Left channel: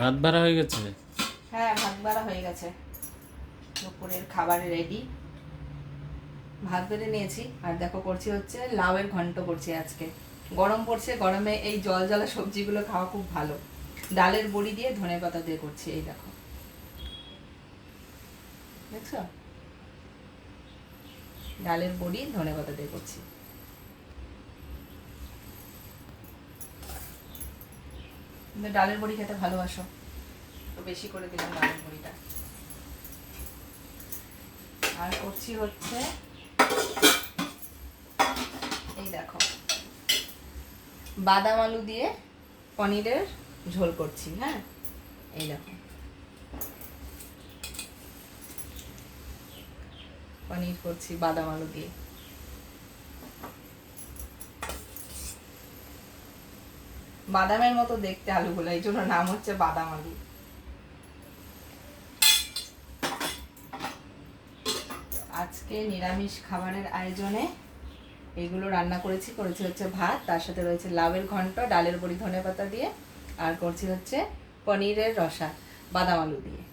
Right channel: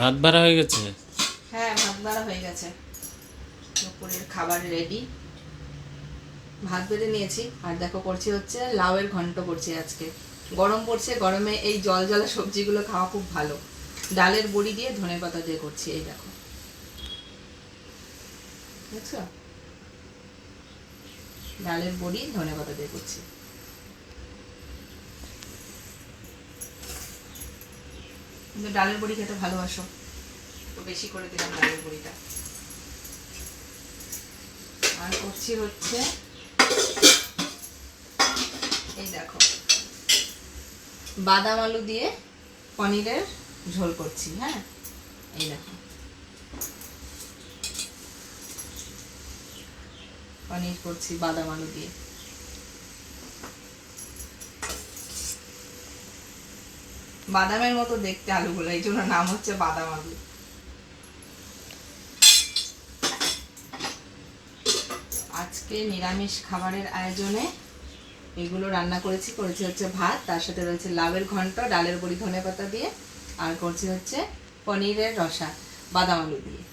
ভাত বাড়া হয়ে গেছে। হ্যাঁ, ভাত বাড়া হয়ে গেছে, দুপুরের খাবার রেডি। ভাত বেড়ে নিয়েছি, আর দেখো করছি হচ্ছে লাউয়ের ঘন্ট করছি আজকে। গরম পড়ছে, গরমে এই জল জলা সবজিগুলো খাওয়া খুব ভালো। ডালের বড়ি দিয়ে ধনেপাতা দিয়ে করছি, এই দেখো, দেখছো, ডালের বড়ি ধনেপাতা দিয়ে করছি। তুমি ডালের বড়ি খেতে ভালোবাসো, তো বেশি করে দিলাম ডালের বড়িটা। আর করছি হচ্ছে এই দেখো, বাদাম আলু দিয়ে পনিরের ঝোল করছি। হ্যাঁ, এই দেখো, পনির করছি বাদাম আলু দিয়ে। বাদামের মতো দেখতে আলুগুলো, এই জন্য নাম হচ্ছে বাদাম আলু। আজকে নিরামিষ খাবারের আয়োজনে এগুলো রান্না করেছি হচ্ছে ভাত, তার সাথে রয়েছে লাউয়ের ঘন্ট ডালের বড়ি ধনেপাতা দিয়ে, আর করছি হচ্ছে পনিরের রসা বাদাম আলু দিয়ে।